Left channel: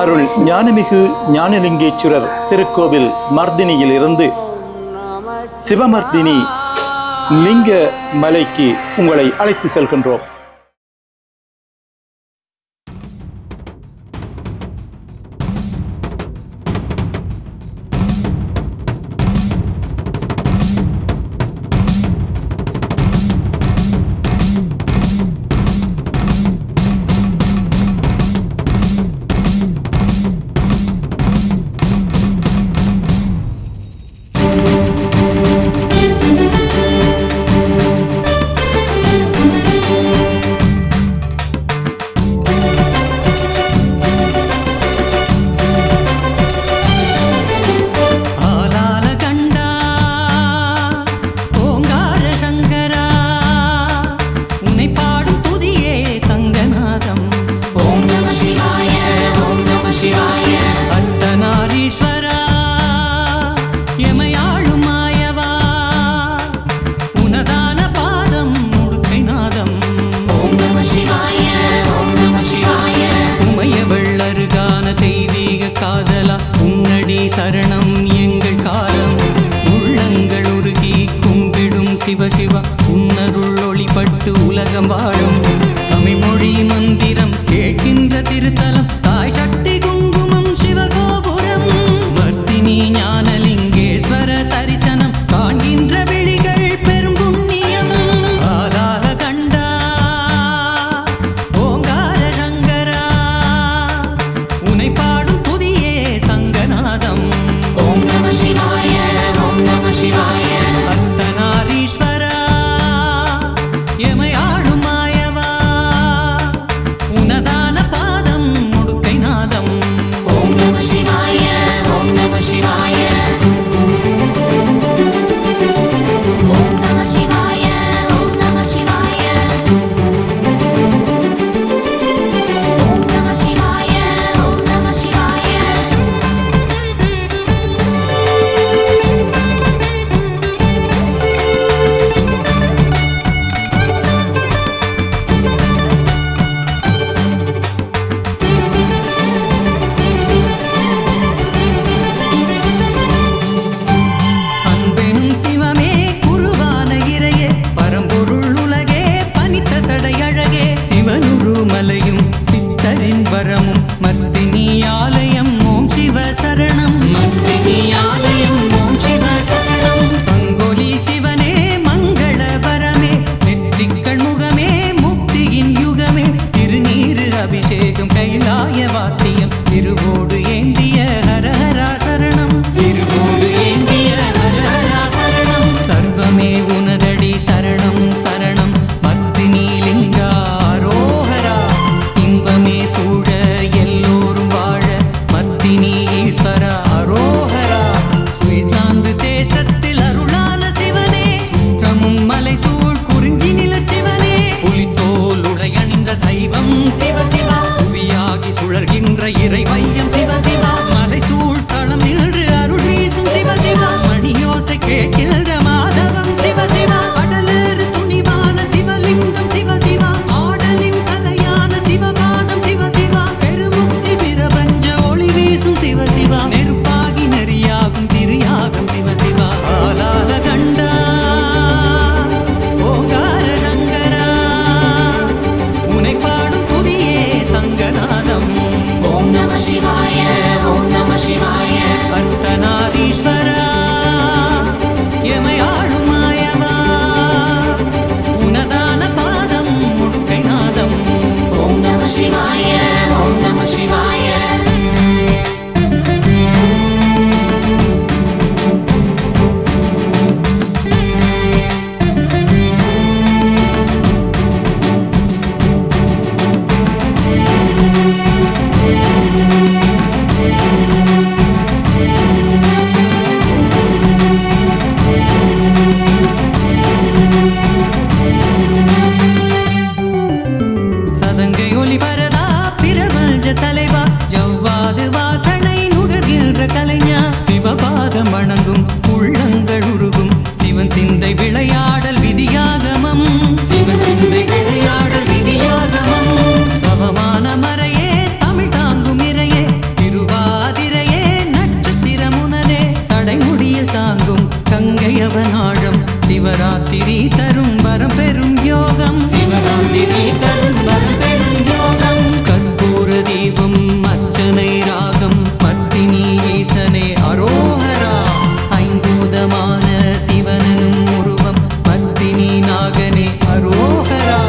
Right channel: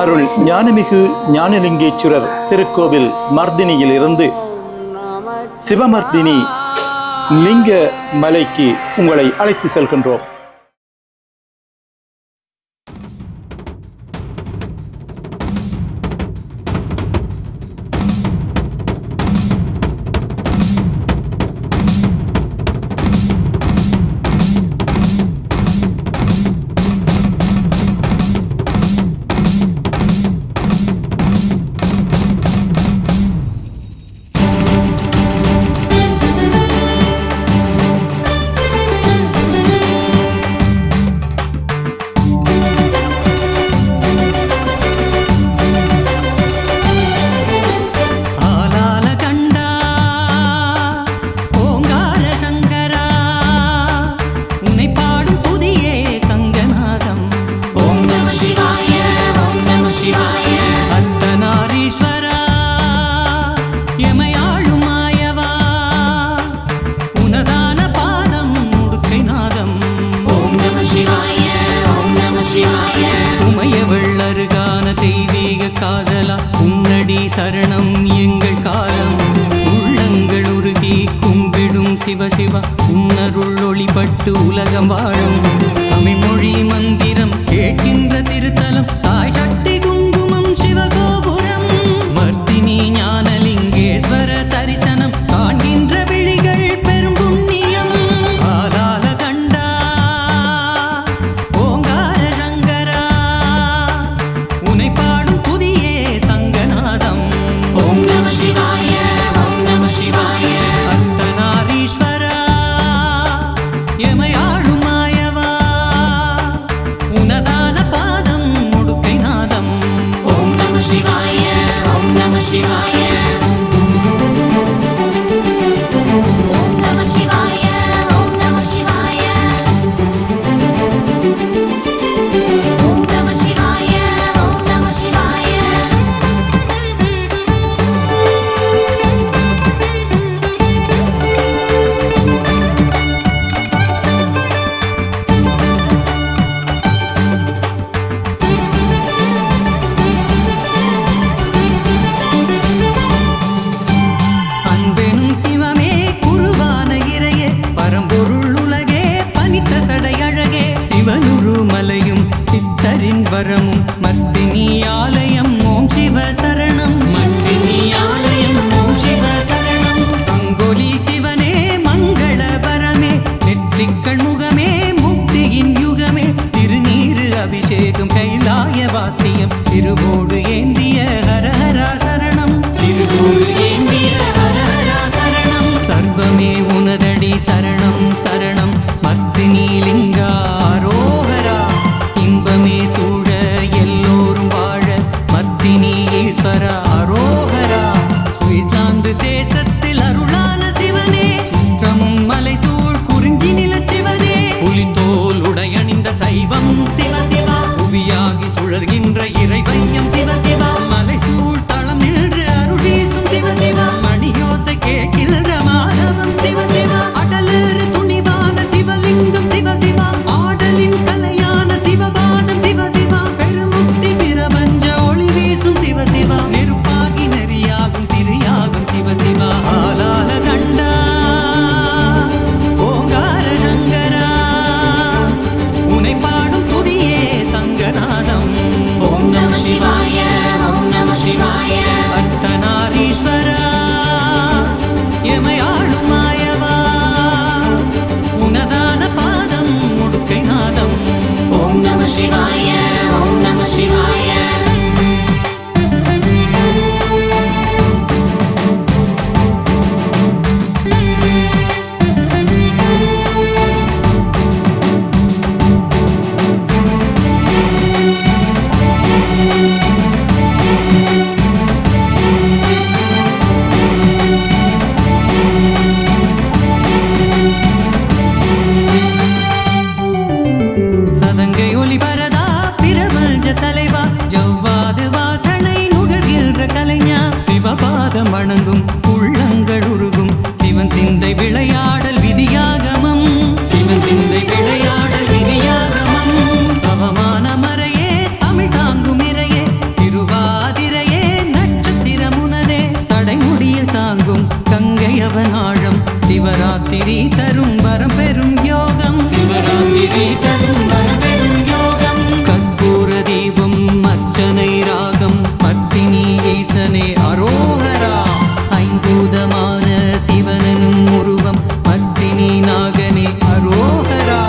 அருள் ஞானமிகு ஞானலிங்கேஸ்வரர் திருக்கோவில் மர்தினியில் இருந்து சிவமர்தினி லிங்க மலைக்கு உங்களை அழைத்து செல்கின்றோம். வெள்ளருகான தெய்வீக காதலா உன்னடி சரணம் எங்கள் காலம். உள்ளங்கள் உருகி கும்பிடும் சிவசிவா உன்னருள் ஒளிபட்டு உலகம் வாழும். தமிழ்மொழி மந்திரம் கேட்கின்ற திருத்தலம் தாய் சக்தி குங்குமம் சிவகோபுரம். மர்த்தினி ஞானலிங்கேஸ்வர தரிசனம் காண்கின்ற விழிகள் பெரும் புண்ணியம். ஆலால கண்டா ஓங்கார சங்கரா உனை பாடும் புதியே சங்கநாதம். அர்த்தநாரீஸ்வரா எமையாளும் மாயவா உனதான பாதம் முடுக்கை நாதம். பரம்பொருள் உலகே பனித்த சடையழகே சிவனுரு மலையும் சித்தரின் வரமும் மர்த்தினி ஆலயம் ஓம் சிவ சரணம். அங்கோலி சிவனே மங்கள வரமே நெற்றிக்கள் முகமே முக்தியின் யுகமே. திருநீரு அபிஷேகம் கைலாய வாத்தியம் திருவோடு ஏந்திய ஹரஹரா சரணம். சர்வமே உனதடி சரணம் சரணம் மர்த்தினி லிங்கா அரோஹரா. இன்பமே சூழ எல்லோரும் வாழ மர்த்தினி ஈஸ்வரா அரோஹரா. சுவிட்சர்லாந்து தேசத்தில் அருளான சிவனே சுற்றமும் மலை சூழ் குறிஞ்சி நிலச்சிவனே. புலித்தோல் உடையணிந்த சைவம் சிவசிவா புவியாகி சுழற்கின்ற இறைமையம் சிவசிவா. மலை சூழ் தளம் என்று அருளீசும் சிவசிவா அடியோசை கேட்டில் அர்த்தநாரீஸ்வரா எமையாளும் மாயவா உனதான பாதம் முடுக்கை நாதம். ஓம் நம சிவாய ஓம் நம சிவாய. ஒலி பரதா பிரபஞ்ச தலைவா ஜவ்வாது வாசனை நுகர்கின்ற கலைஞா. சிவபாதம் வணங்கும் உள்ளங்கள் உருகும் சிவன் சிந்தை விளையாடல் விதியாகமம். தவமான மறையே தமிழ் தாங்கும் இறையே தாங்கும் கங்கையவன் ஆழம் சிவராத்திரி தரும் வரம் பெறும் யோகம் கற்பூர தீபம் அர்ச்சனை ராகம் பத்தினி ஈசனே அரோஹரா ஐம்பூதமான சிவனனும் உருவம் பத்தினி நாகனே அரோஹரா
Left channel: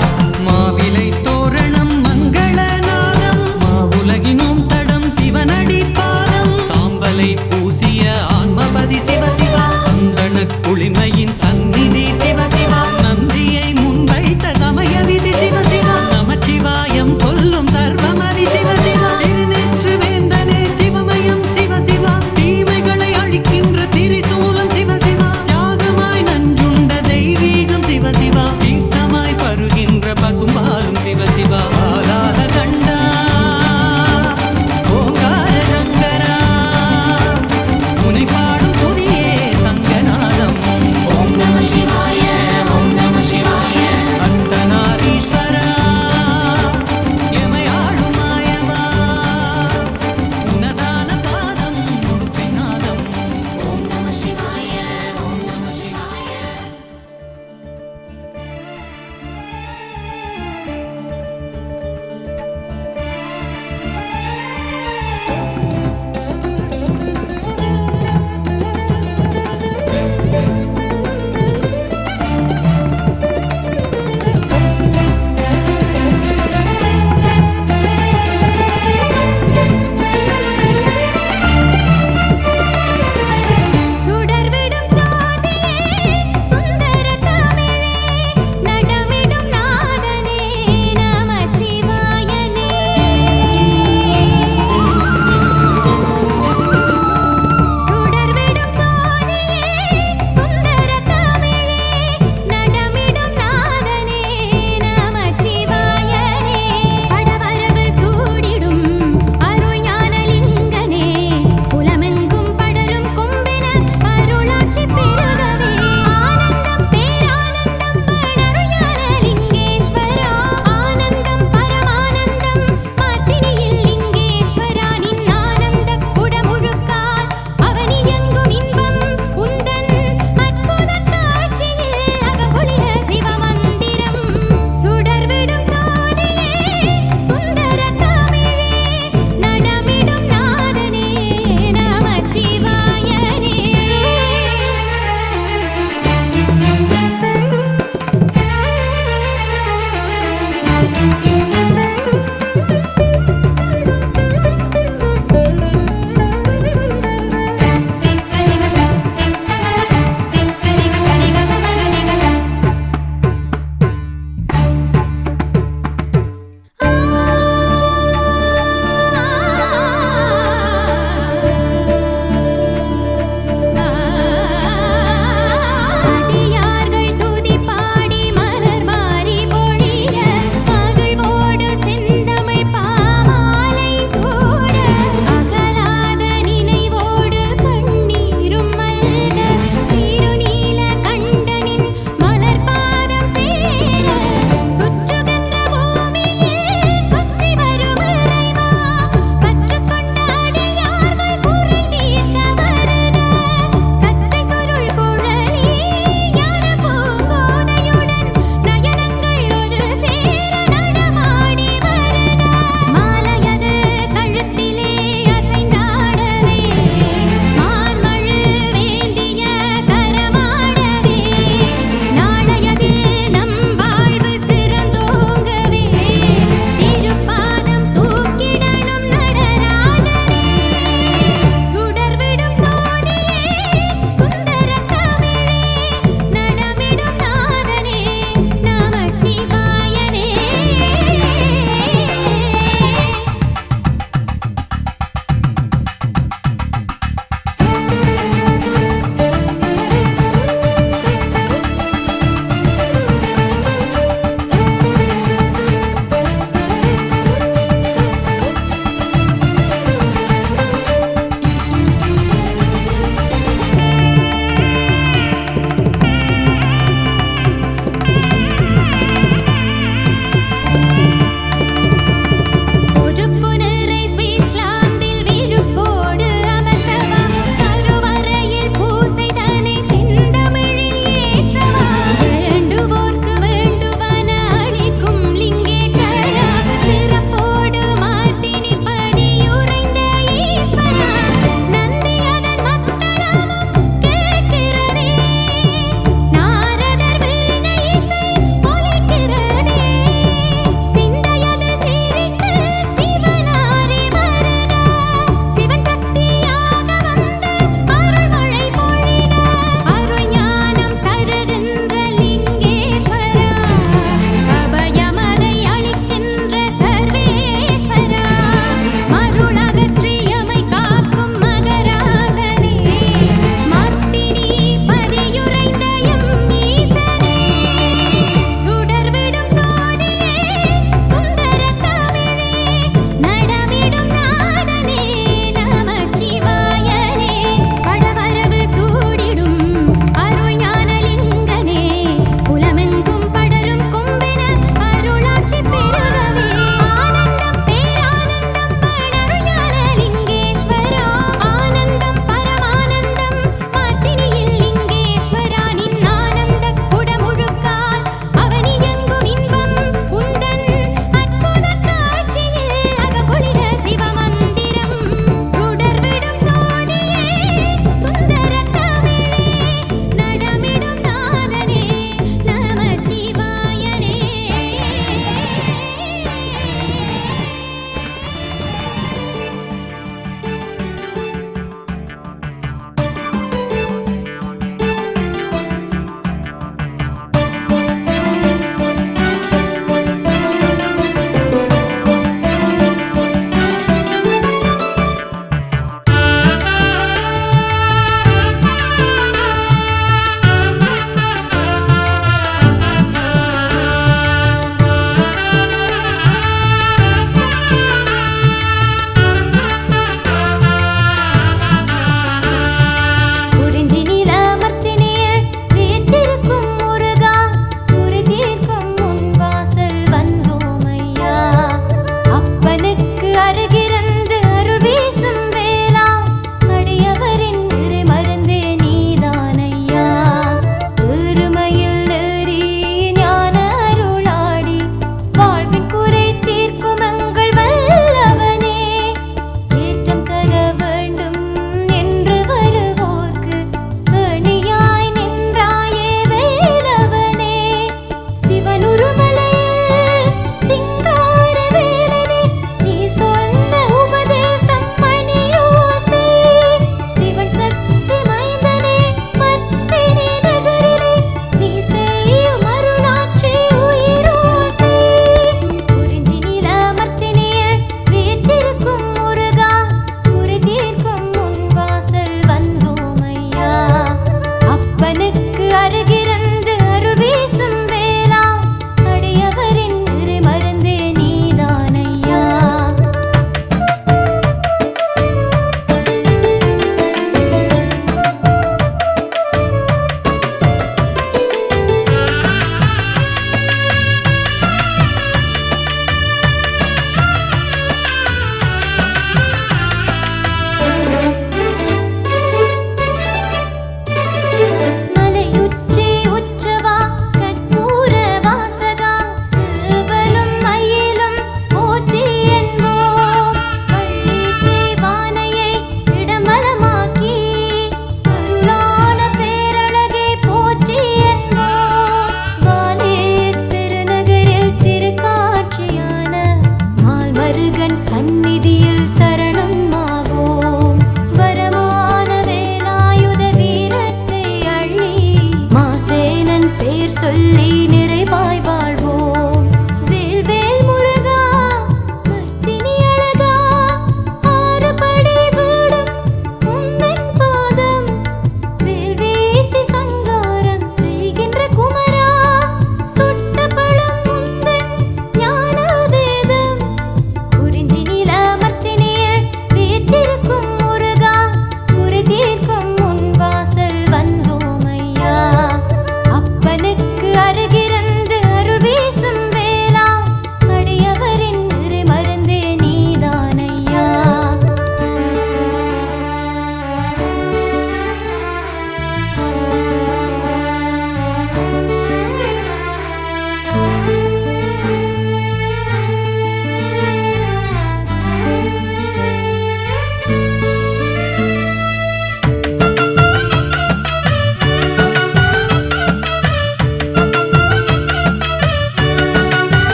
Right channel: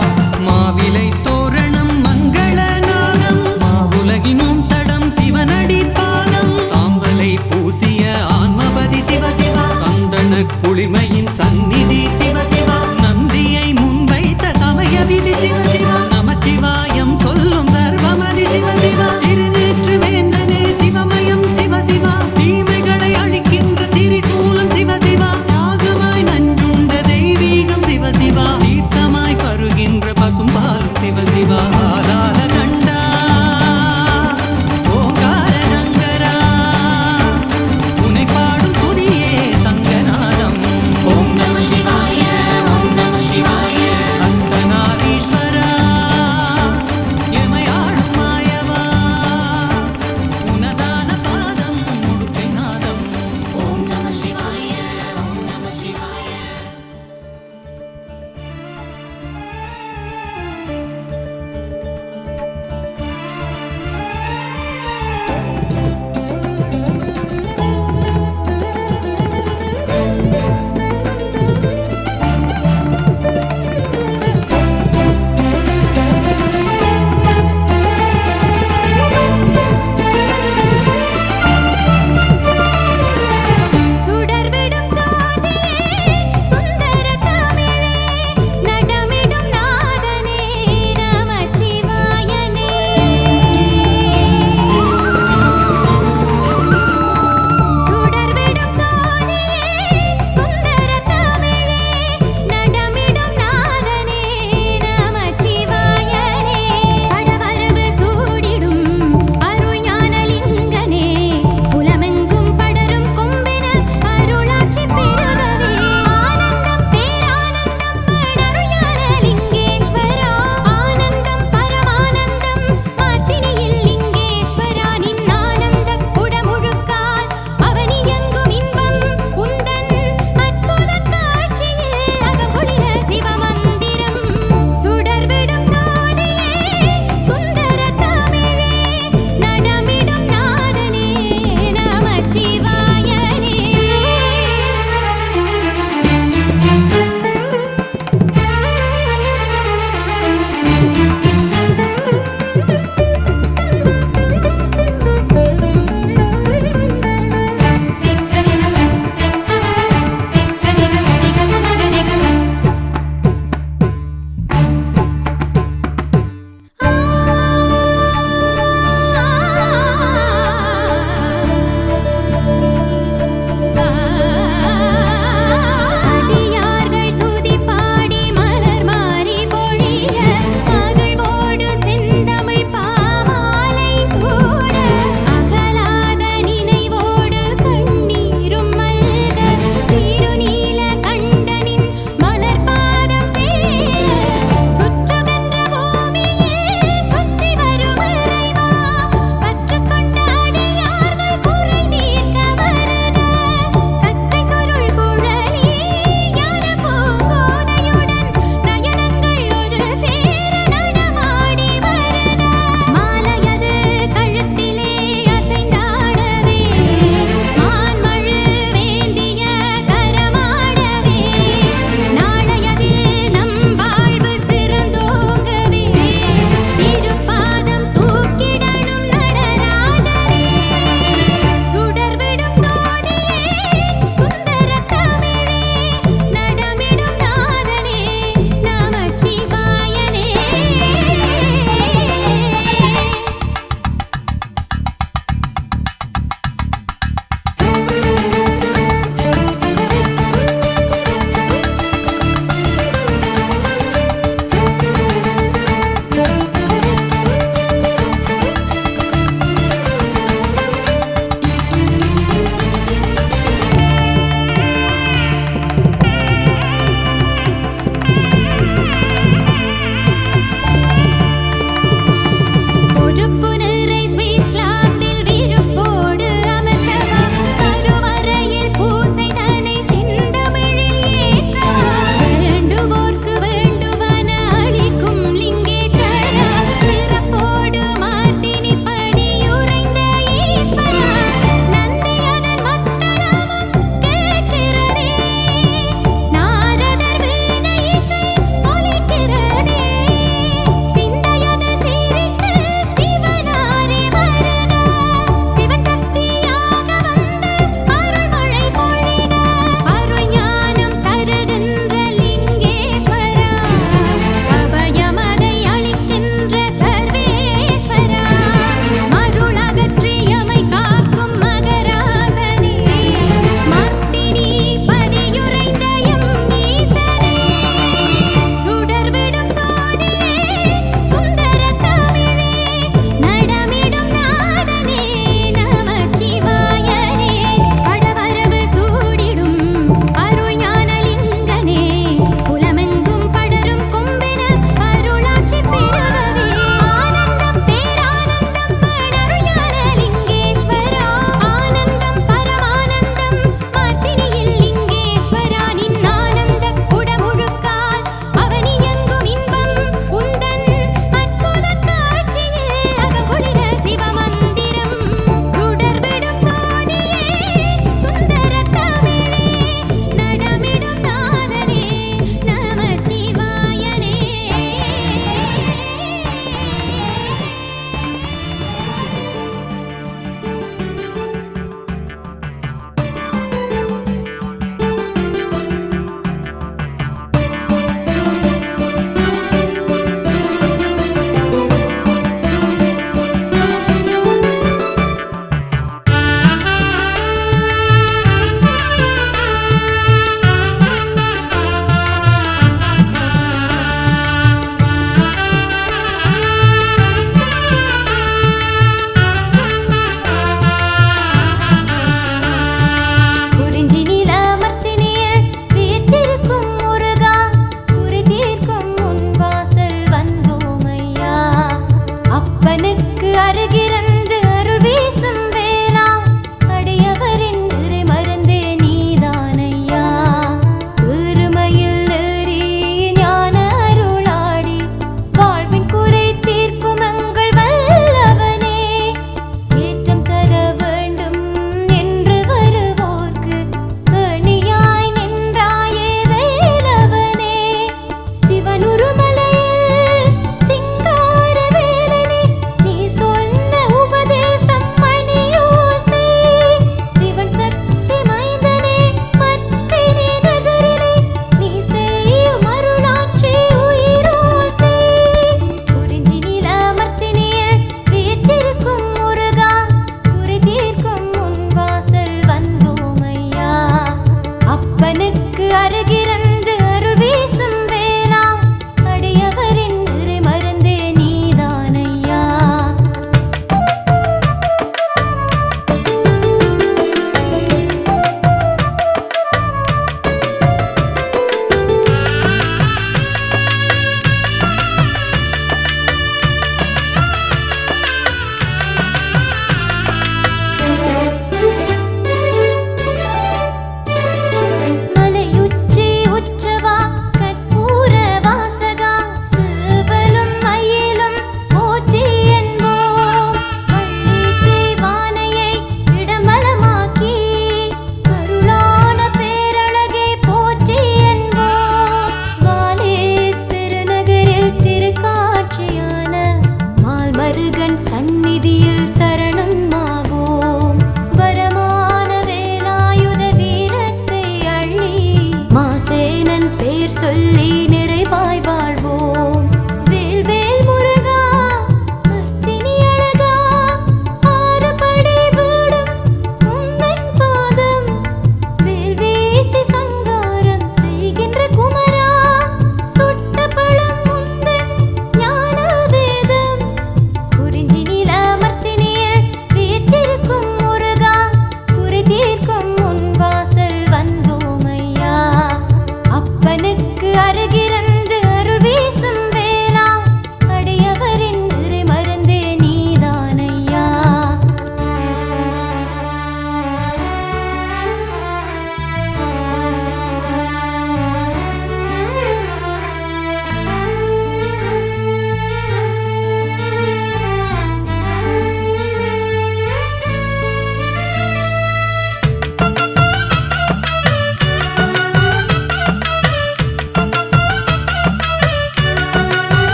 மாவிலை தோரணம் மங்களநாதம் மாவுலகினும் தடம் சிவனடி பாதம் சாம்பலை பூசிய ஆன்மவதி சிவசிவா சந்தன குளிமையின் சந்நிதி சிவசிவா நந்தியை முன்வைத்த சமய விதி சிவசிவா நமச்சிவாயம் சொல்லும் சர்வமதி சிவசிவா திருநேற்று வேந்தனே சிவமயம் சிவசிவா தீமைகளை அழிக்கின்ற திரிசூலம் சிவசிவா தியாகமாய் நஞ்சுண்ட தெய்வீகம் சிவசிவா தீர்த்தமாய் பருகின்ற பசும்பாலும் சிவசிவா ஆலால கண்டா ஓங்கார சங்கர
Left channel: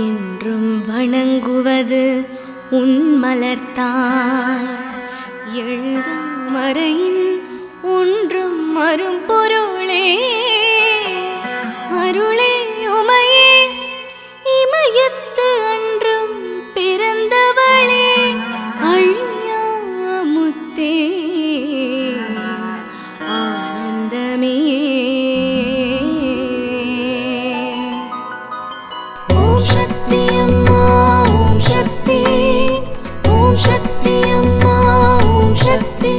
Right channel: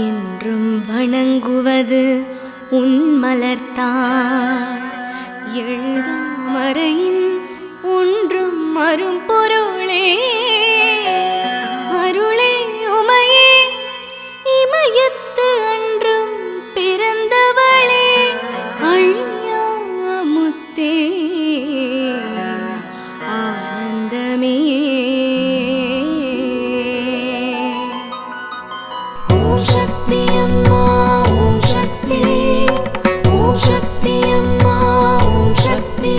என்றும் வணங்குவது உன் மலர்த்தாள் எழுதாமறையின் ஒன்றும் மறும் பொருளே அருளே உமையே இமயத்து அன்றும் பிறந்தவளே அழியா முத்தே ஆனந்தமே ஓம் சக்தி அம்மா ஓம் சக்தி ஓம் சக்தி அம்மா ஓம் சக்தி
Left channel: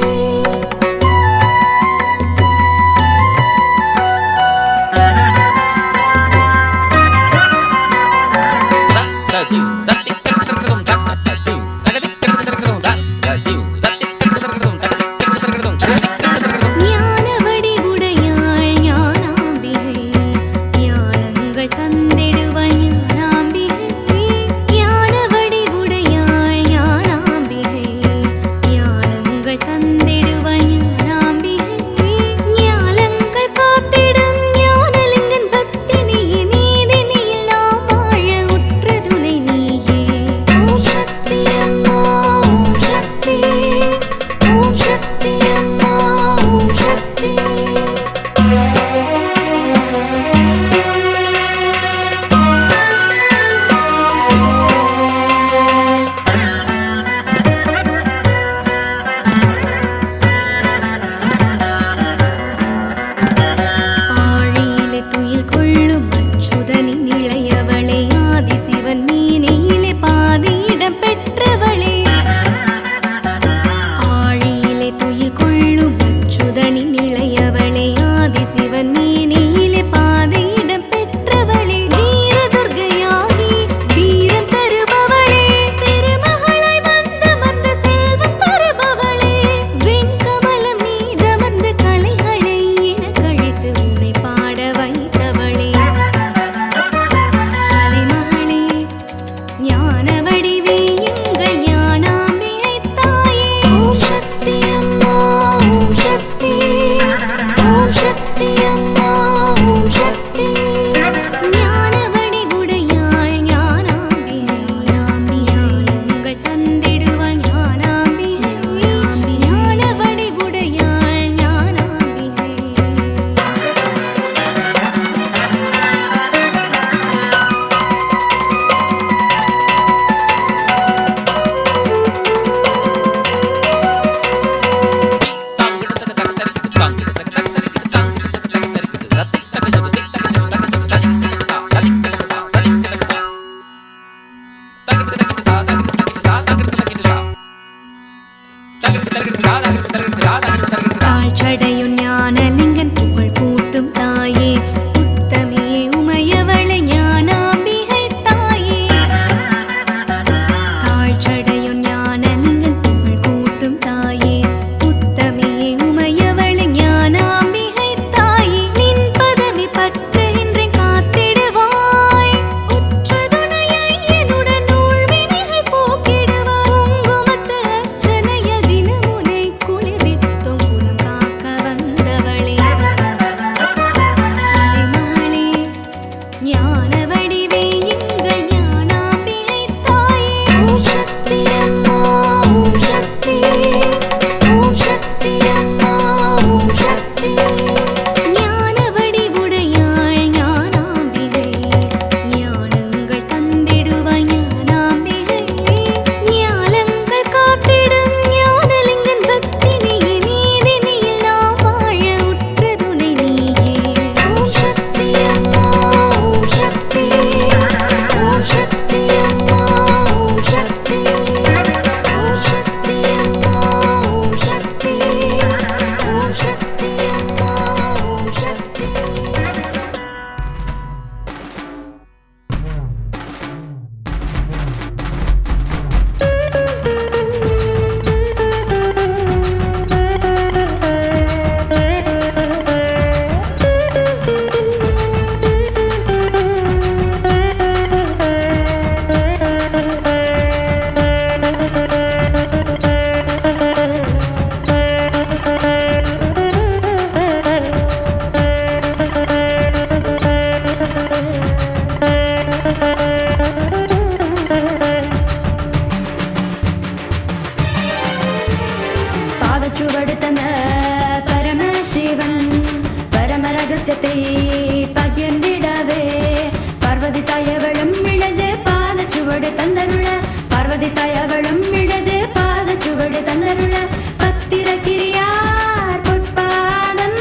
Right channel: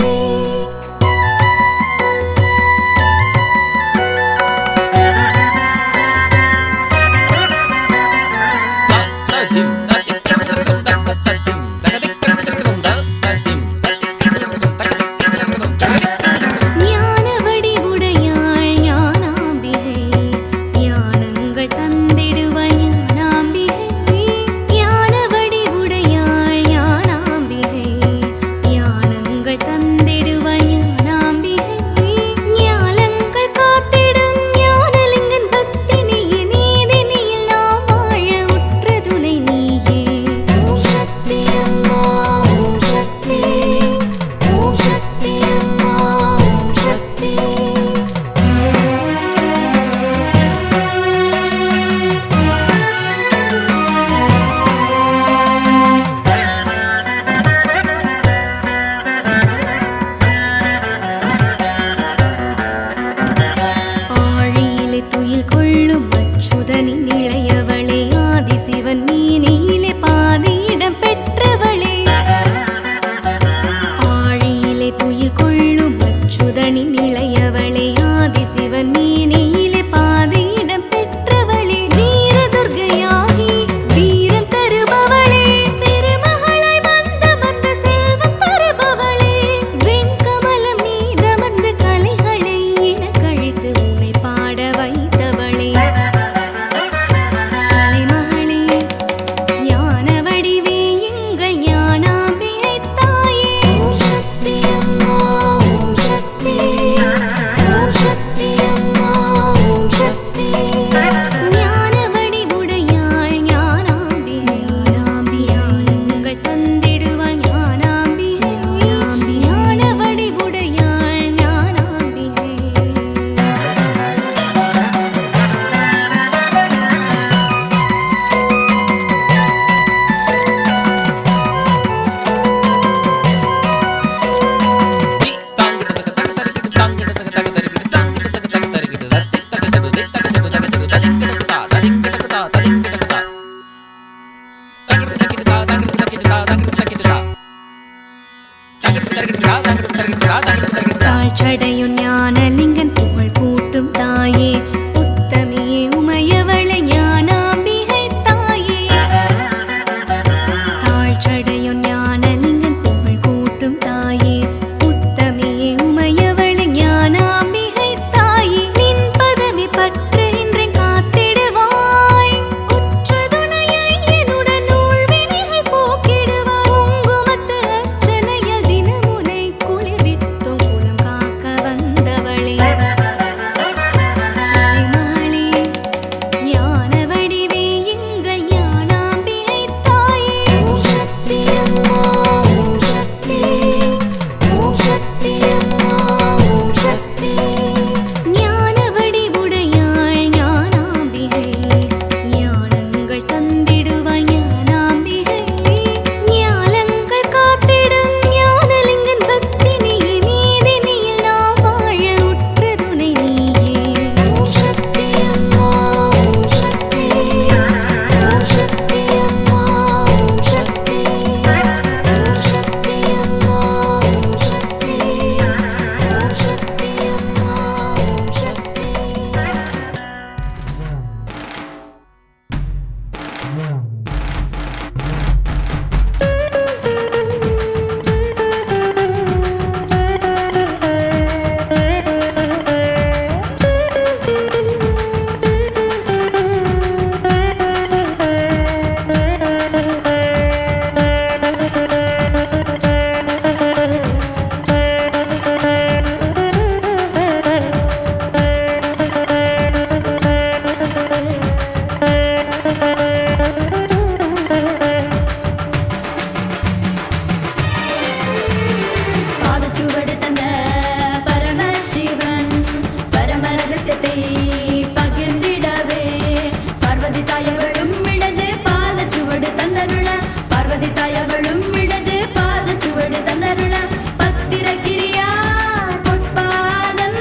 பதித்தாயவளும் இடது பாத சுவடு தந்தருள பத்திரகிரியார் பொற்பாதம்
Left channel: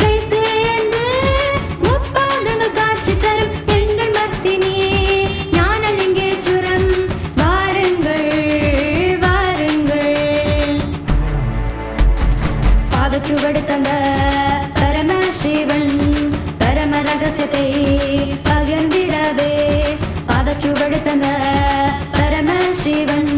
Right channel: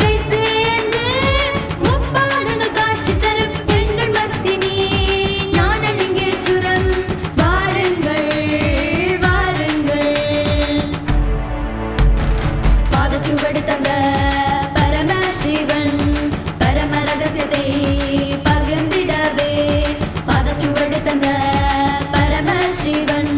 கை சேர்ந்து முப்பாதங்கள் காட்சி தரும் எங்கள் மத்தினி ஞானலிங்கேச்சுரம் வாருங்கள் வாருங்கள். பாதச்சுவடு தந்த பரமசிவன் பரம ரகசியத்தை பகிர்ந்திடவே பாதச்சுவடு தந்த பரமசிவன்.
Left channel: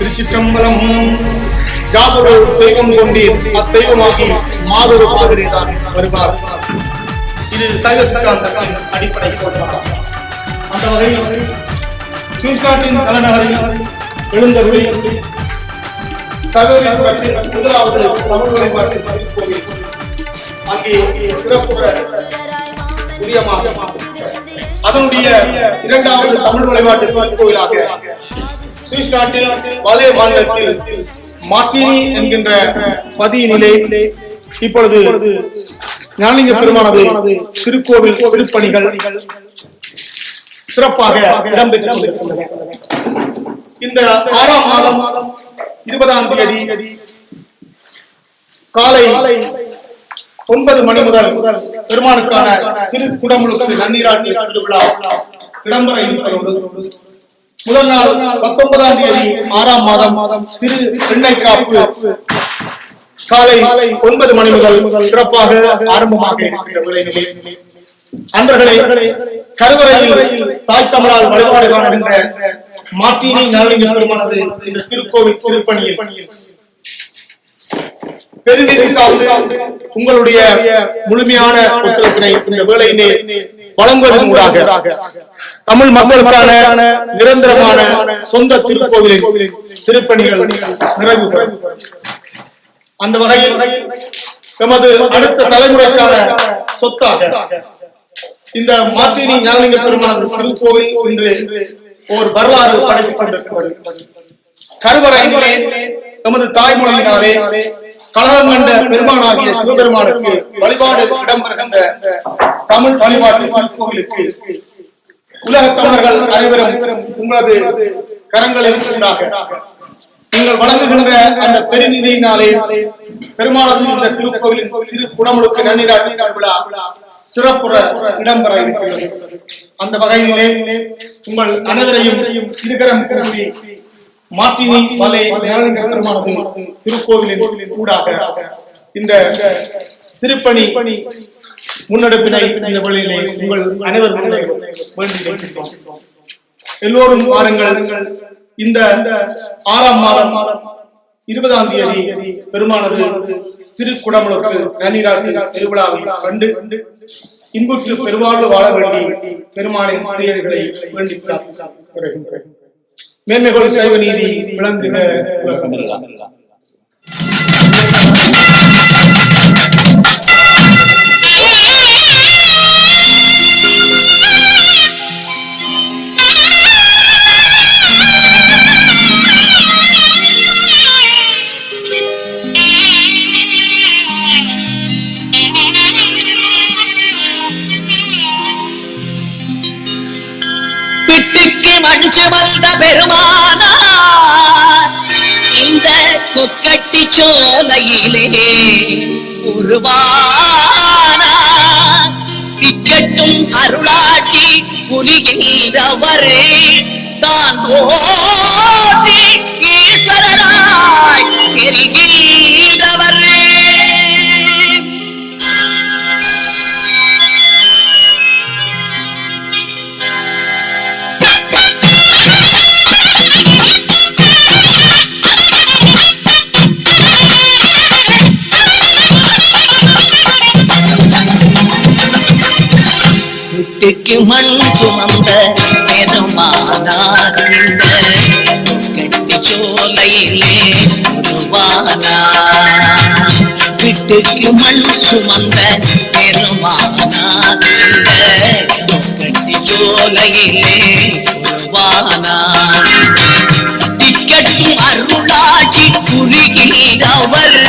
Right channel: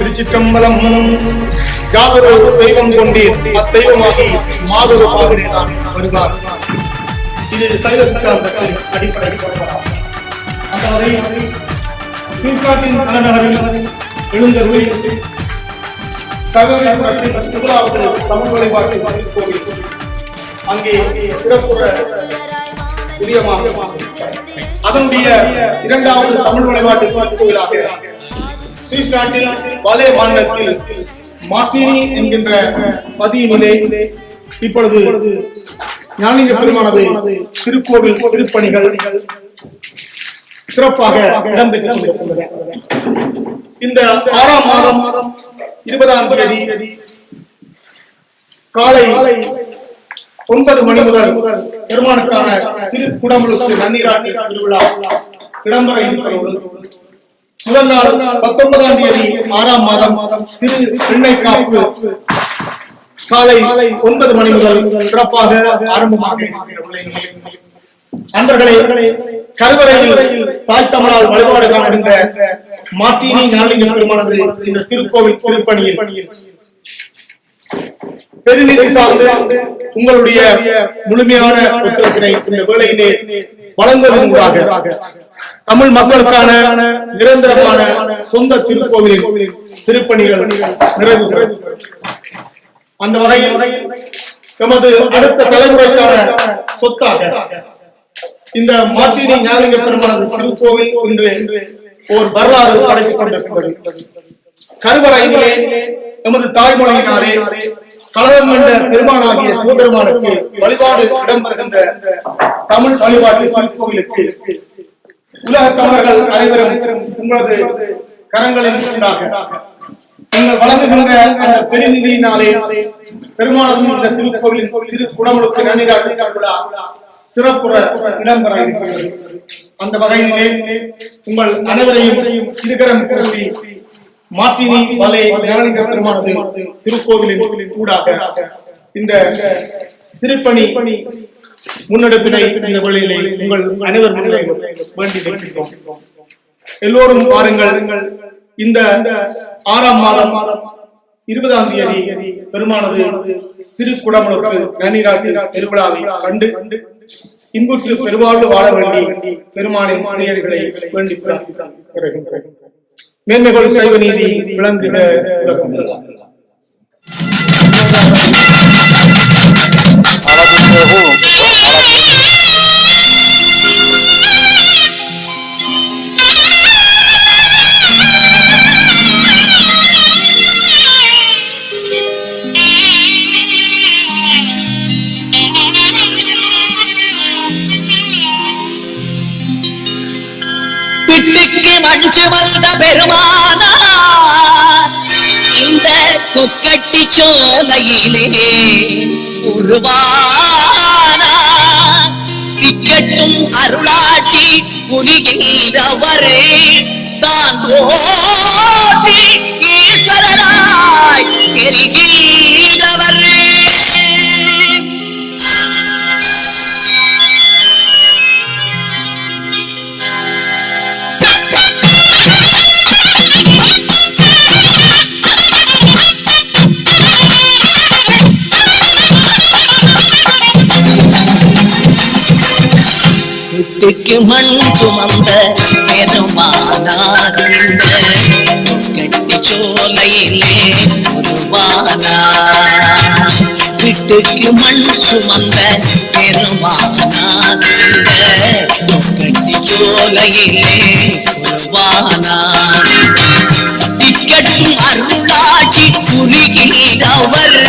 திருச்சிற்றம்பலம். யாதொரு தெய்வம் கொண்டீர் அத்தெய்வமாகி மாதொரு பாதிரிதான் வருவார். இது சைவ சித்தாந்தத்தின் அடிப்படை கோட்பாடு. அந்த வகையில் சுவிட்சர்லாந்தின் தலைநகரில் எழுந்தருளி சகோதரத்தில் முதலாவது தமிழ் வழிபாட்டு கோவில் அங்கே சிறப்புற உரியமாக அதனுடைய இரண்டாவது தமிழ் வழிபாட்டு கோவிலாக சுவிஸ் நாட்டில் வலே மாநிலத்தில் மார்டினி என்கின்ற பதியினிலே இப்பொழுது ஞானலிங்க பெருமானது திருக்கோவில் திருப்பணிகள் சிறப்பாக இடம்பெற்றிருக்கின்றன. இந்த 6ஆம் மாதம் 20ஆம் தேதி காலை 9 மணி முதல் பெருமானுக்கான திருக்குடமுழுக்கு நன்னீராட்டு திருவிழா இடம்பெற இருப்பதோடு முதல் நாள் 19ஆம் தேதி 6ஆம் மாதம் திரு எண்ணெய் காப்பு காலை 9 மணி முதல் சிறப்பாக ஆரம்பமாக இருக்கிற வேளையிலே அன்பர்களே, கருவறையில் தாய் தமிழால் வழிபாடு காணுகின்ற மார்டினி ஞானலிங்க பெருமானது இந்த திருக்கோவில் திருப்பணியில் பெருநிதி சார்ந்து உங்களுடைய முழுமையான ஒத்துழைப்பினை இந்த வேளையிலே வழங்குவதன் மூலமாக தமிழ் மக்களுக்கான நிரந்தரமான சொந்த திருக்கோவிலின் திருப்பணிகள் நிறைவு பெறும். அந்த வகையில் எமது அடுத்த தலைமுறைக்கான சொத்தாக இந்த மார்டினி ஞானலிங்க பெருமானது திருக்கோவில் இன்று ஒரு வரலாறு படைத்துக் கொண்டிருக்கிறது. கருவறையிலே எமது தாய்மொழியினாலே கழகம் கண்ட பெருமானாகிய சிவபெருமானுக்கு வழிபாடு இடம்பெறுகின்ற தமிழ் வழிபாட்டு திருக்கோவிலுக்கு உலக தமிழர்கள் அனைவரும் உங்களது கரங்களின் ஊடாக நீங்கள் வழங்குகின்ற அந்த பெருநிதியினாலே பெருமானது இந்த திருக்கோவிலின் திருக்குடமுழுக்கு நன்னீராட்டு விழா சிறப்புற இடம்பெற இருக்கிறது. அந்த வகையிலே உங்கள் அனைவரையும் இருகரம் கூறி மார்டினி வலே ஞானலிங்க பெருமானது திருக்கோவிலின் ஊடாக இந்த திருப்பணி முன்னெடுப்பினை இந்த வழியிலே உங்கள் அனைவர் முன்னிலையில் வேண்டி நிற்கின்றோம். எல்லோரும் வாருங்கள். இந்த 6ஆம் மாதம் 20ஆம் தேதி பெருமானது திருக்குடமுழுக்கு நன்னீராட்டு திருவிழாவை கண்டு இன்புற்று பெருவாழ்வு வாழ வேண்டி பெருமானின் அடியார்களை வேண்டி பிரார்த்திக்கிறேன். மேன்மைகள் சைவ நீதி விளங்குக உலகம். மஞ்சு வந்த பெருமானார் இந்த கொக்கட்டி சோலையிலே உருவானார். திக்கட்டும் அருளாட்சி புரிகின்றவர் தான் தோன்றி ஈஸ்வரராய் தெரிகின்றவர். வீட்டுக்கு மண் சுமந்த பெருமானார் இந்த கட்டி சோலையிலே உருவானார். வீட்டுக்கு மண் சுமந்த பெருமானார் இந்த கட்டி சோலையிலே உருவானார். திக்கட்டும் அருளாட்சி புரிகின்றவர்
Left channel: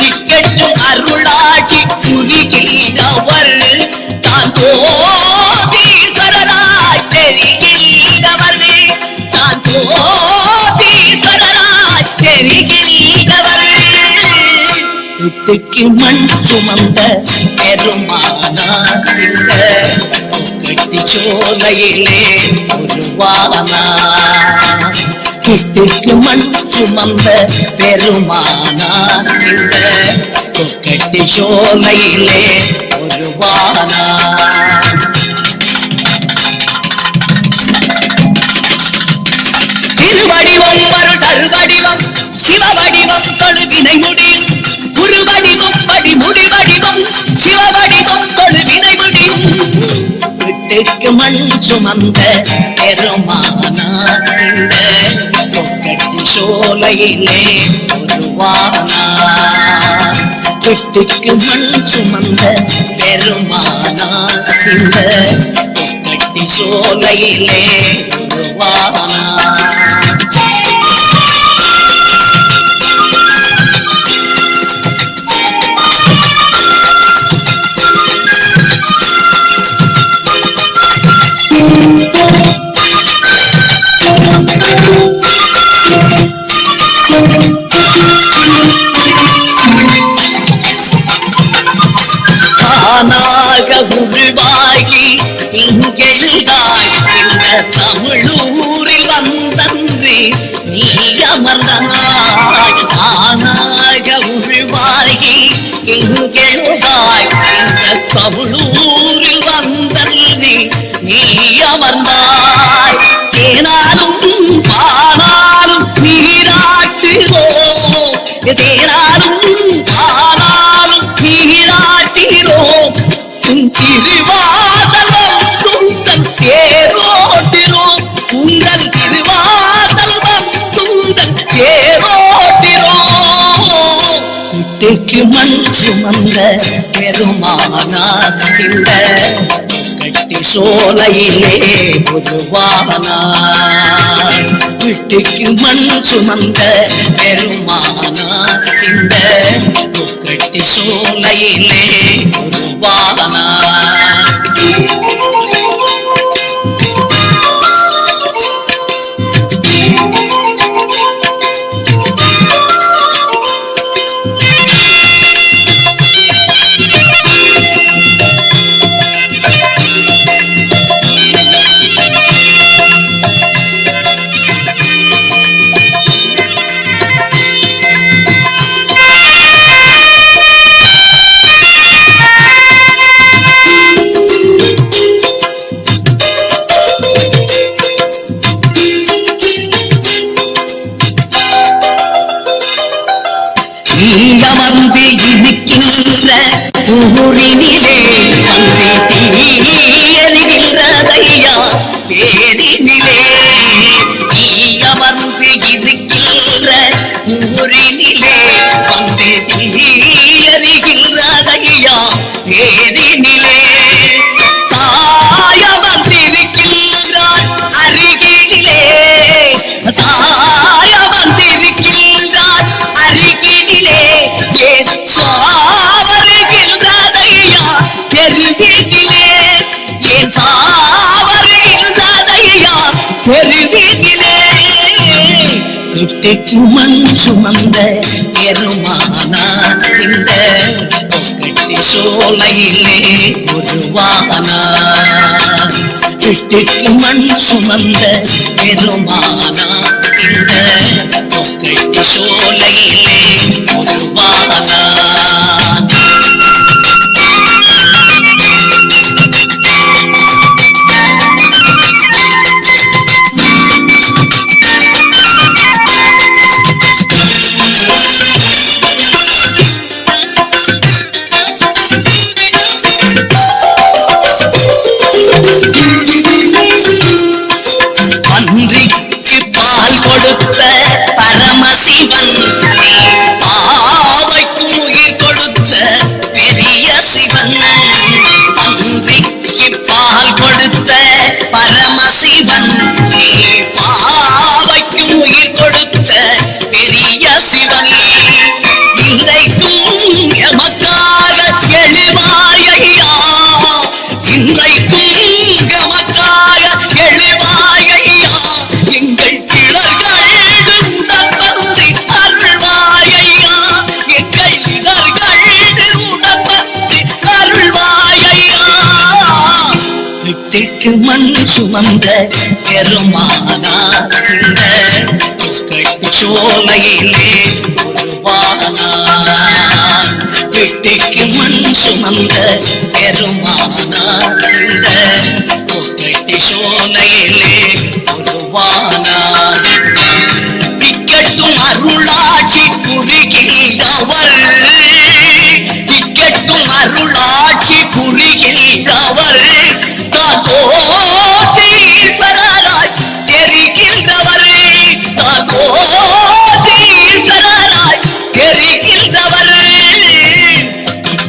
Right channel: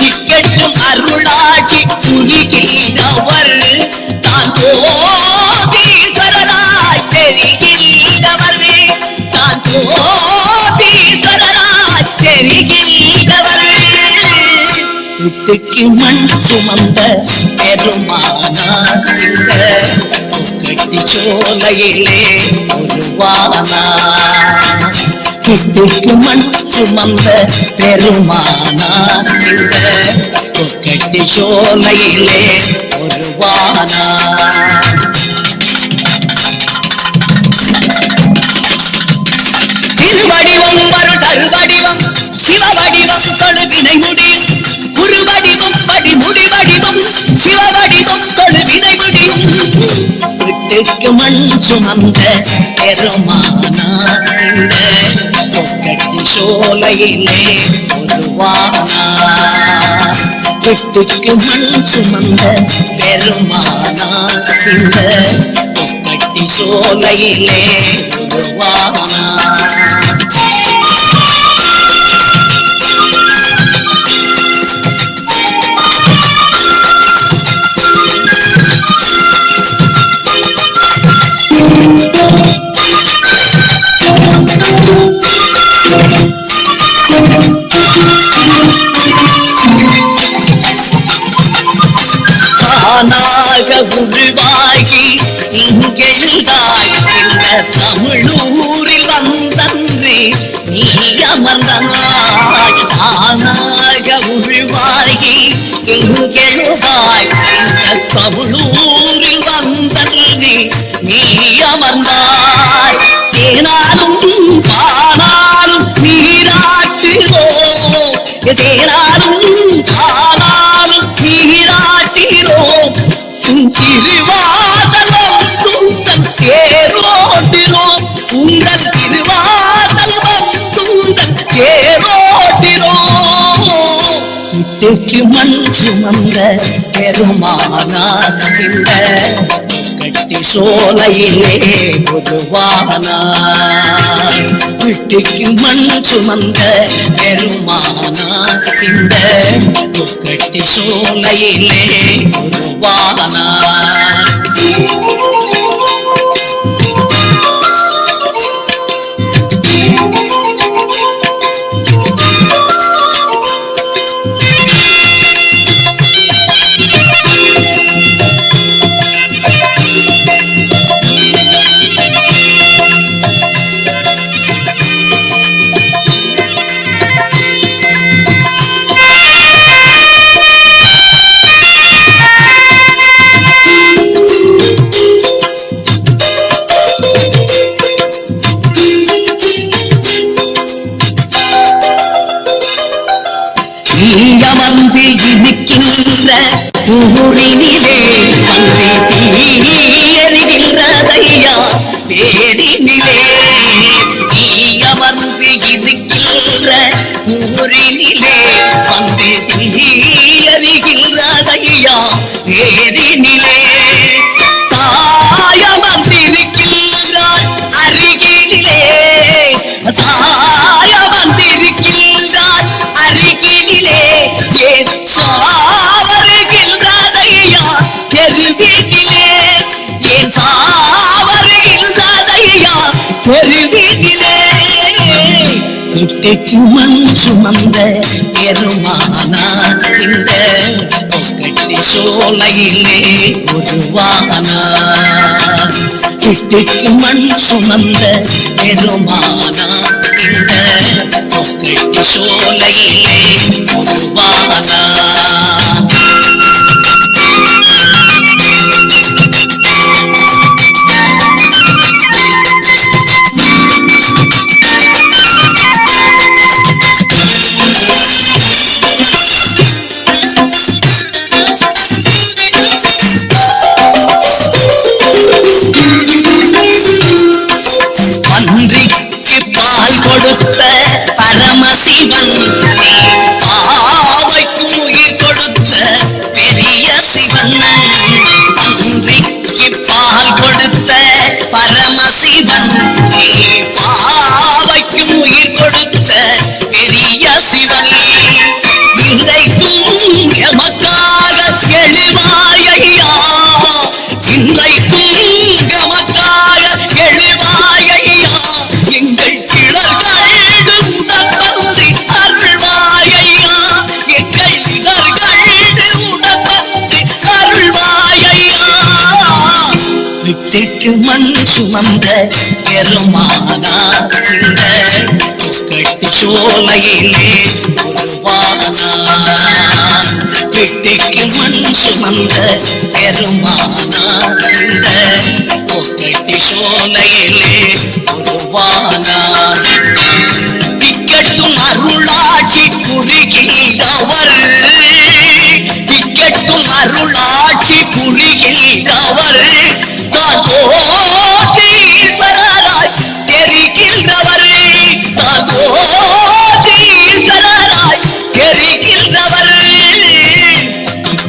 திக்கட்டும் அருள் புரிகின்றவர் தான் கோபீஸ்வரராய் தெரிகின்றவர் தான் கோபீஸ்வரராய் தெரிகின்றவர் வீட்டுக்கு மண் சுமந்த பெருமானார் இந்த கட்டி சோலையிலே உருவானார் வீட்டுக்கு மண் சுமந்த பெருமானார் இந்த கட்டி சோலையிலே உருவானார் திருவடிவம் வருடல் வடிவம் சிவவடிவம் தொழுவினை முடியும் குருவடிவம் படி முடிவடிவம் சிவவடிவம் தொழுவினை முடியும் வீட்டுக்கு மண் சுமந்த பெருமானார் இந்த கட்டி சோலையிலே உருவானார் வீட்டுக்கு மண் சுமந்த பெருமானார் இந்த கட்டி சோலையிலே உருவானார் தானாக உருவாகி இங்கெழுதாய் இந்த தமிழூரில் வந்தன்று நீ அமர்ந்தாய் தானாக உருவாகி இங்கெழுதாய் இந்த தமிழூரில் வந்தன்று நீ அமர்ந்தாய் தேனாலும் பானாலும் நீராட்டுவோம் தேனாலும் பானாலும் நீராட்டிரோம் உன் திருவாதலம் துந்தல் சேரோட்டிரோம் உங்கள் திருவாதலம் துந்தல் சேரோட்டிரோம் வீட்டுக்கு மண் சுமந்த பெருமானார் இந்த கட்டி சோலையிலே உருவானார் வீட்டுக்கு மண் சுமந்த பெருமானார் இந்த கட்டி சோலையிலே உருவானார் அமர்ந்து இருக்கின்ற ஊரினிலே வந்து எரிகின்றதையா பேரினிலே நீ அமர்ந்து இருக்கின்ற ஊரினிலே வந்து எரிகின்றதையா பேரினிலே தாயமர்ந்திருக்கின்றார் அருகினிலே தாயமர்ந்திருக்கின்றார் அருகினிலே ஏன் சாவருகின்றதையா தெருவினிலே ஏன் சாவருகின்றதையா தெருவினிலே வீட்டுக்கு மண் சுமந்த பெருமானார் இந்த கட்டி சோலையிலே உருவானார் வீட்டுக்கு மண் சுமந்த பெருமானார் இந்த கட்டி சோலையிலே உருவானார் கொடுத்த பரமசிவன் பாவைக்கு உயிர் கொடுத்த பெரிய சிவன் அன்றைக்கு பால் கொடுத்த பரமசிவன் பாவைக்கு உயிர் கொடுத்த பெரிய சிவன் இன்றைக்கும் எமக்காக எழுவ சுமந்த பெருமானார் இந்த கட்டு சோலையிலே உருவானார். வெட்டிக்கு மண் சுமந்த பெருமானார் இந்த கட்டு சோலையிலே உருவானார். திக்கட்டும் அருளாட்சி புரிகின்றவர், திக்கட்டும் அருளாட்சி புரிகின்றவர், தாகோதீஸ்வரராய் தெரிகின்றவர், தாகோதீஸ்வரராய் தெரிகின்றவர்.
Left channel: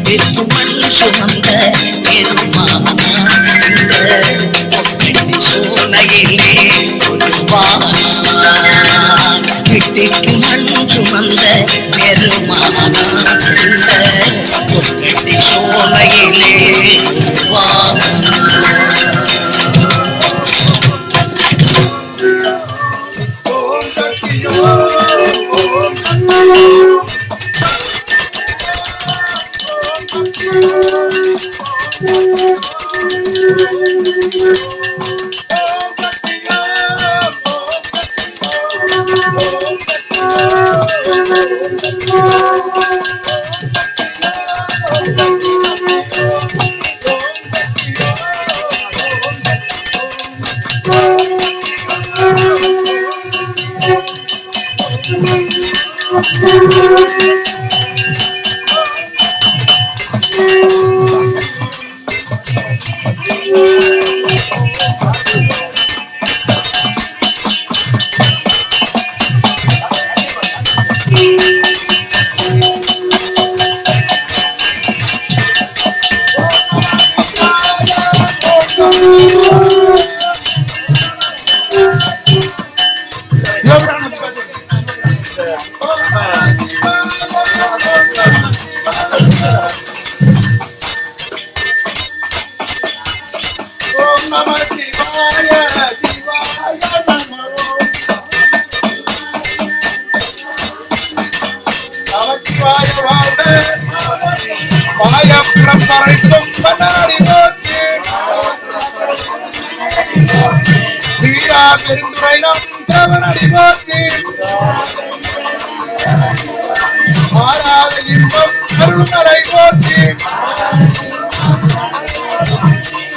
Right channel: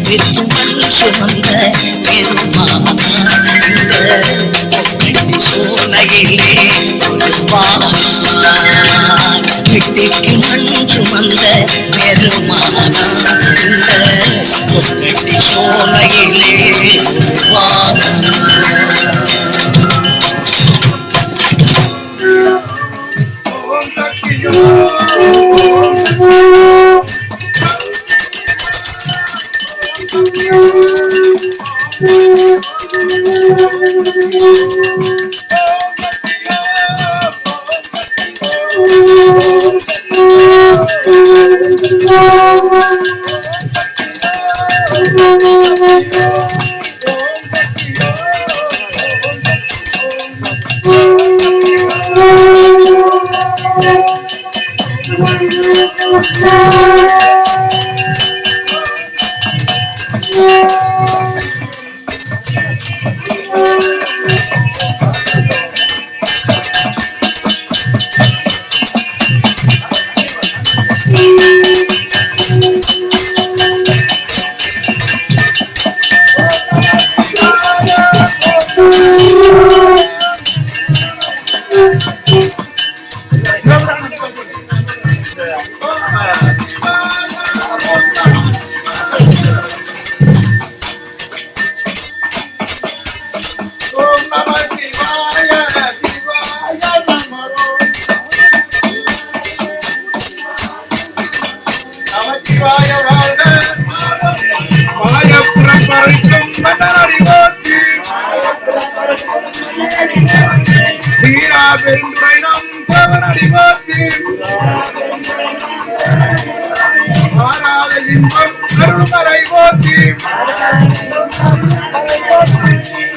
பெருமண் சுமந்த பெருமானார் சோலையிலே உருவானார். வெட்டிக்கு மண் சுமந்த பெருமானார் இந்த சோலையிலே உருவானார்.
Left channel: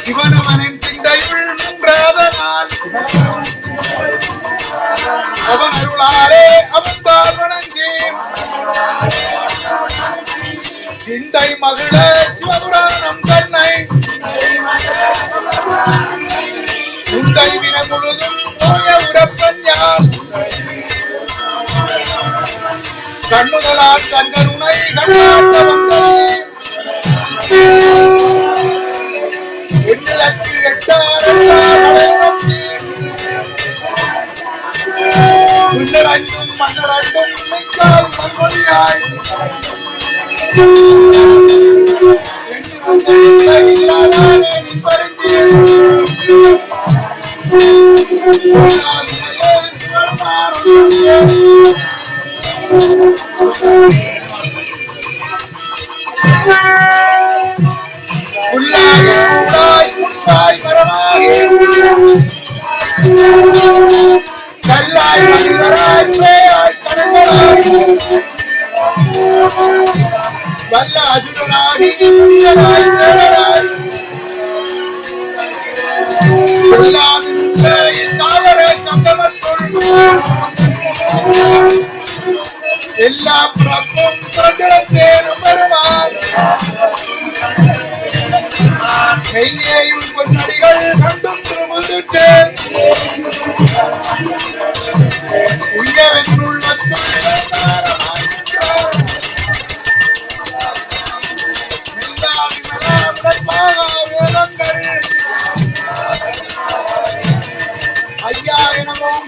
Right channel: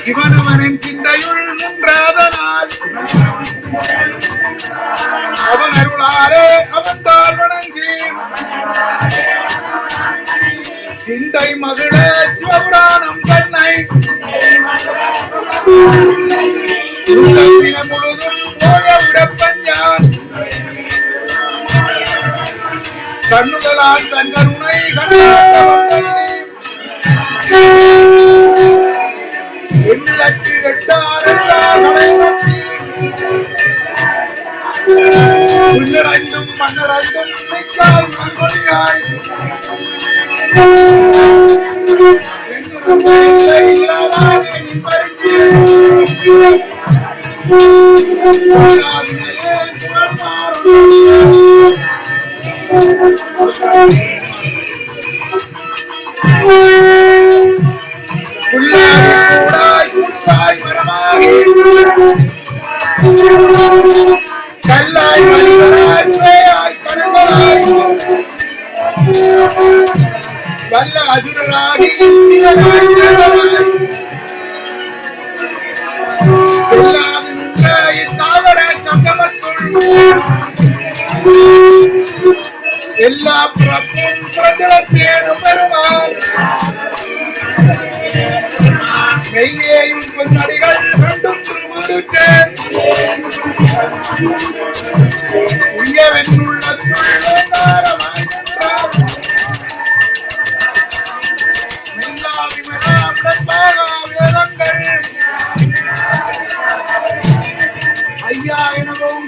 சிவனவனின் சிந்தையுள் முன்றாதனால் அவனருளாலே அமர்ந்தார் வணங்கி சிந்தை மகிழ சிவபுராணம் தன்னை சிந்தை முழுதும் போய உறப்பஞ்சான் கண்ணுதலான் தன்னுமை எல்லா கையேயும் பொன்னடிகள் கண்டும் திருமுதுற்றேன் உயவென்றுள்ள ஐயா எனவும்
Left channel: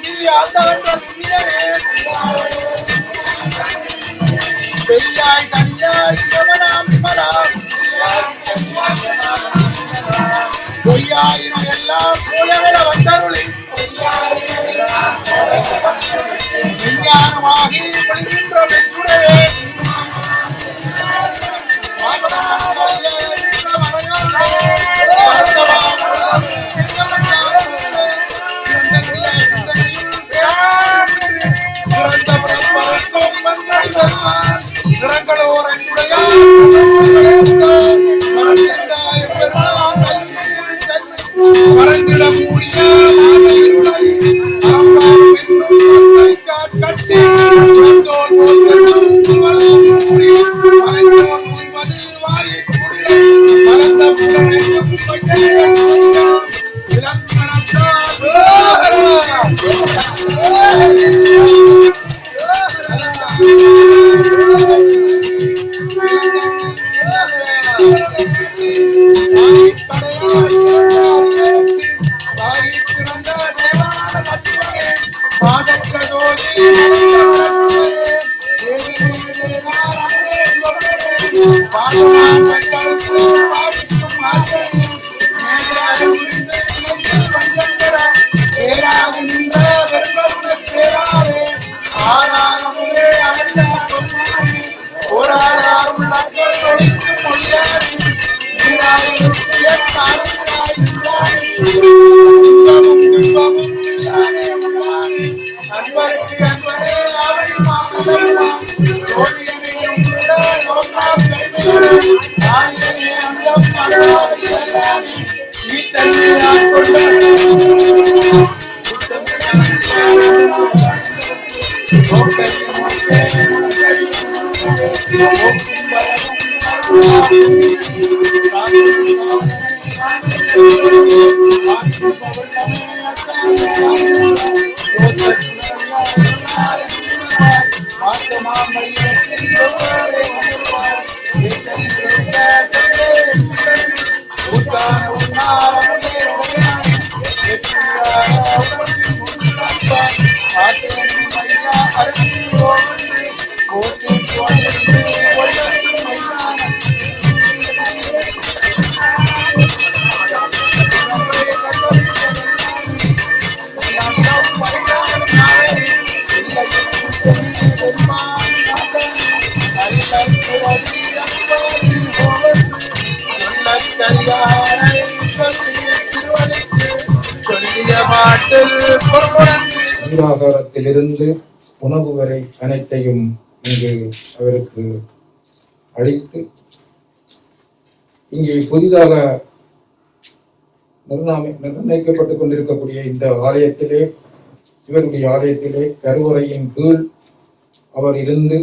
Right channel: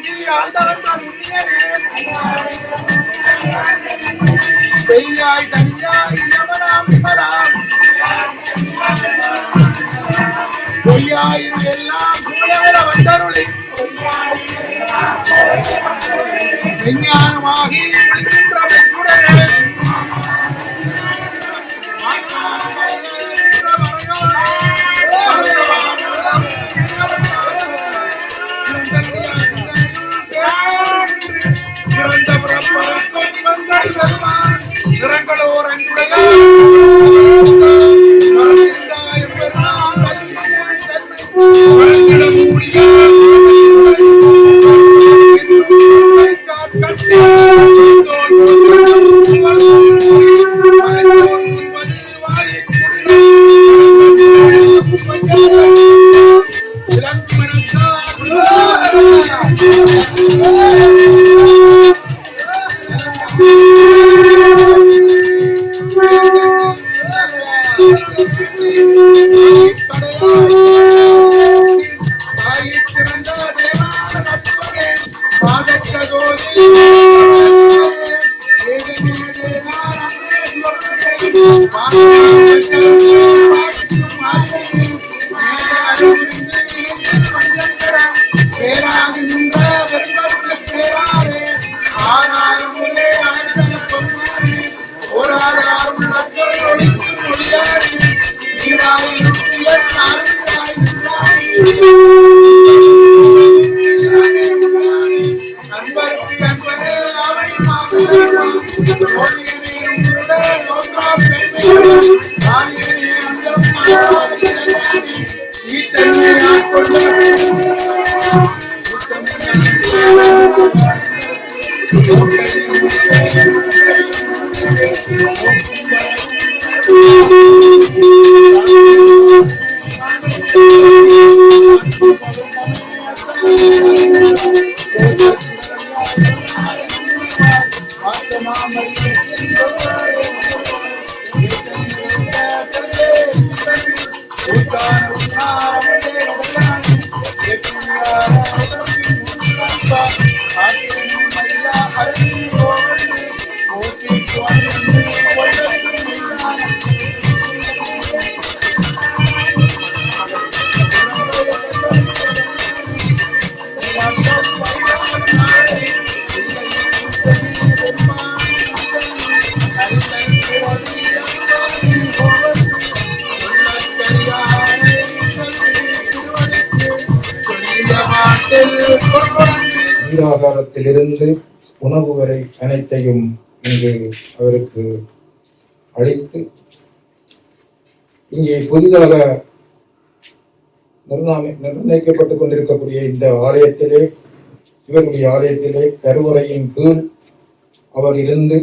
நீராகாரத்திலிருந்து உணவு வரை அனைத்தையும் இங்கு அவருக்கு அளித்து இங்கே புதிதாக நிர்ணயிக்கப்பட்டுக் கொண்டிருக்கக்கூடிய இந்த ஆலயத்திலே, சிவனுடைய ஆலயத்திலே கருவறையின் கீழ் அவர் இருந்து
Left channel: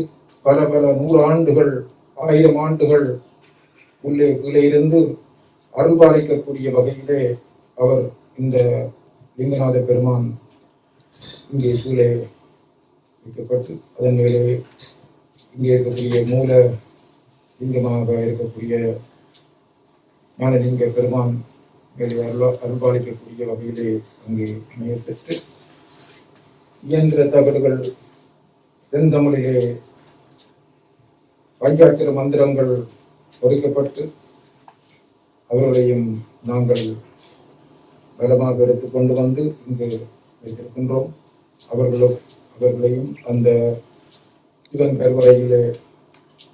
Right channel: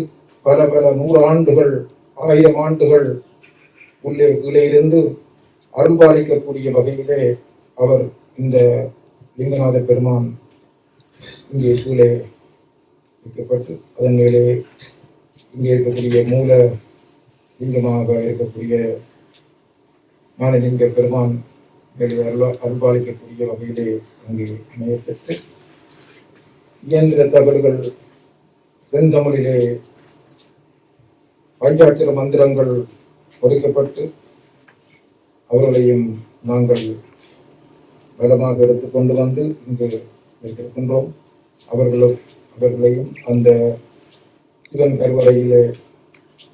பல 100 ஆண்டுகள் 1000 ஆண்டுகள் கீழே இருந்து அருள்பாலிக்கக்கூடிய வகையிலே அவர் இந்த லிங்கநாத பெருமான் இங்கே கீழே வைக்கப்பட்டு அதன் மேலே இங்கே இருக்கக்கூடிய மூல லிங்கமாக இருக்கக்கூடிய ஞானலிங்க பெருமான் மேலே அருள்பாலிக்கக்கூடிய வகையிலே அங்கே அமையப்பெற்று இயந்திர தகடுகள் செந்தமிழிலே பஞ்சாட்சர மந்திரங்கள் ஒதுக்கப்பட்டு அவர்களையும் நாங்கள் பலமாக எடுத்துக்கொண்டு வந்து இங்கு வைத்திருக்கின்றோம். அவர்களையும் அந்த சிவன் கருவறையிலே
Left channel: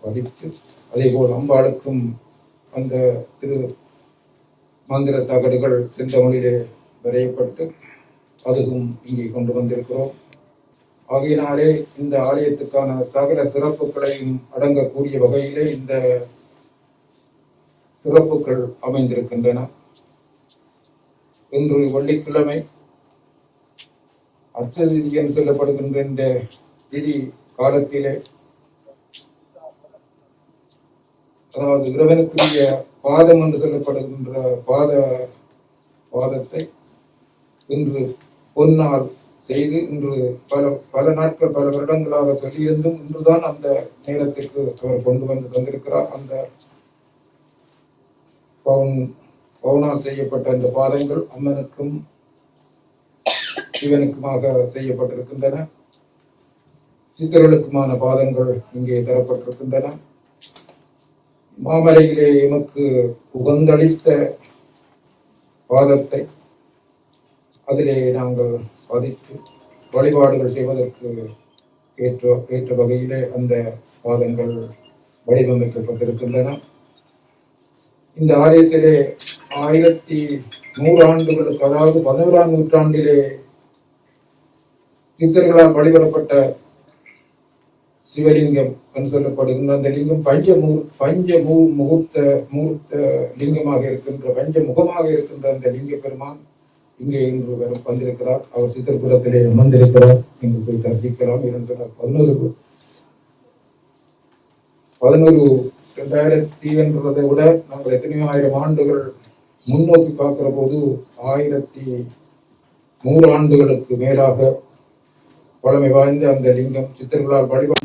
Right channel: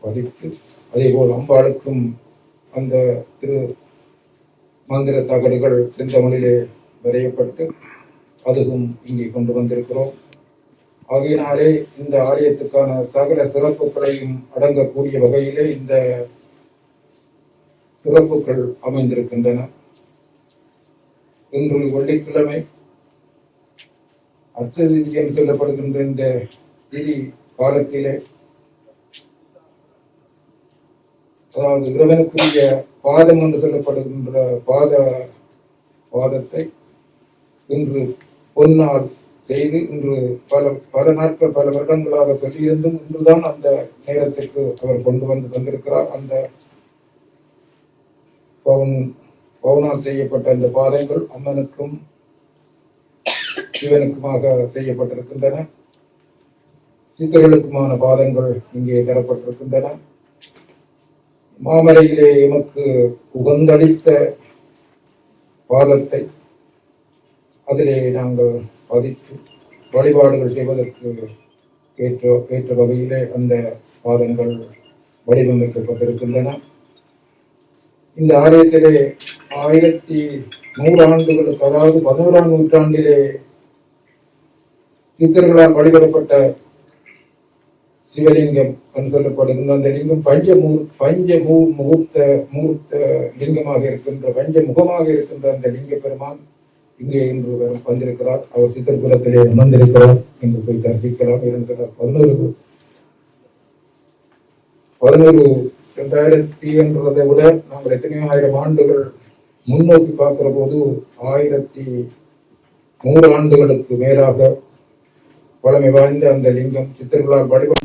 பதித்து, அதே போல் அம்பாளுக்கும் அந்த திரு மந்திர தகடுகள் செந்தமிழிலே வரையப்பட்டு அதுவும் இங்கே கொண்டு வந்திருக்கிறோம். ஆகையினாலே இந்த ஆலயத்துக்கான சகல சிறப்புகளையும் அடங்கக்கூடிய வகையிலே இந்த சிறப்புகள் அமைந்திருக்கின்றன. இன்று வெள்ளிக்கிழமை அச்சதிதி என்று சொல்லப்படுகின்ற இந்த திதி காலத்திலே, அதாவது இறைவனுக்குரிய பாதம் என்று சொல்லப்படுகின்ற பாதத்தை இன்று பொன்னால் செய்து இன்று பல நாட்கள் பல வருடங்களாக சொல்லியிருந்தும் இன்றுதான் அந்த நேரத்திற்கு அவர் கொண்டு வந்து தந்திருக்கிறார். அந்த பவுனால் செய்யப்பட்ட அந்த பாதங்கள் அம்மனுக்கும் சிவனுக்குமாக செய்யப்பட்டிருக்கின்றன. சித்தர்களுக்குமான பாதங்கள் இங்கே தரப்பட்டிருக்கின்றன. மாமலையிலே எமக்கு உகந்தளித்த பாதத்தை அதிலே நாங்கள் பதித்து வழிபாடுகள் செய்வதற்கு ஏற்ற வகையிலே அந்த பாதங்கள் வடிவமைக்கப்பட்டிருக்கின்றன. இந்த ஆலயத்திலே 1100 ஆண்டுகளுக்கு, அதாவது 11ஆம் நூற்றாண்டிலே சித்தர்களால் வழிபடப்பட்ட சிவலிங்கம் என்று சொல்லப்படுகின்ற அந்த லிங்கம் முகூர்த்த லிங்கமாக இருக்கின்ற பஞ்சமுகமாக இருக்கின்ற அந்த லிங்க பெருமான் இங்கே இன்று வந்திருக்கிறார். அவர் சித்திரபுரத்திலே அமர்ந்திருக்கிறார். இங்கு போய் தரிசிக்கலாம். 2000 என்றதை விட நாங்கள் எத்தனையோ 1000 ஆண்டுகள் முன்னோக்கி பார்க்கிற போது 1100 ஆண்டுகளுக்கு மேலாக பழமை வாய்ந்த அந்த லிங்கம் சித்தர்களால் வழிபட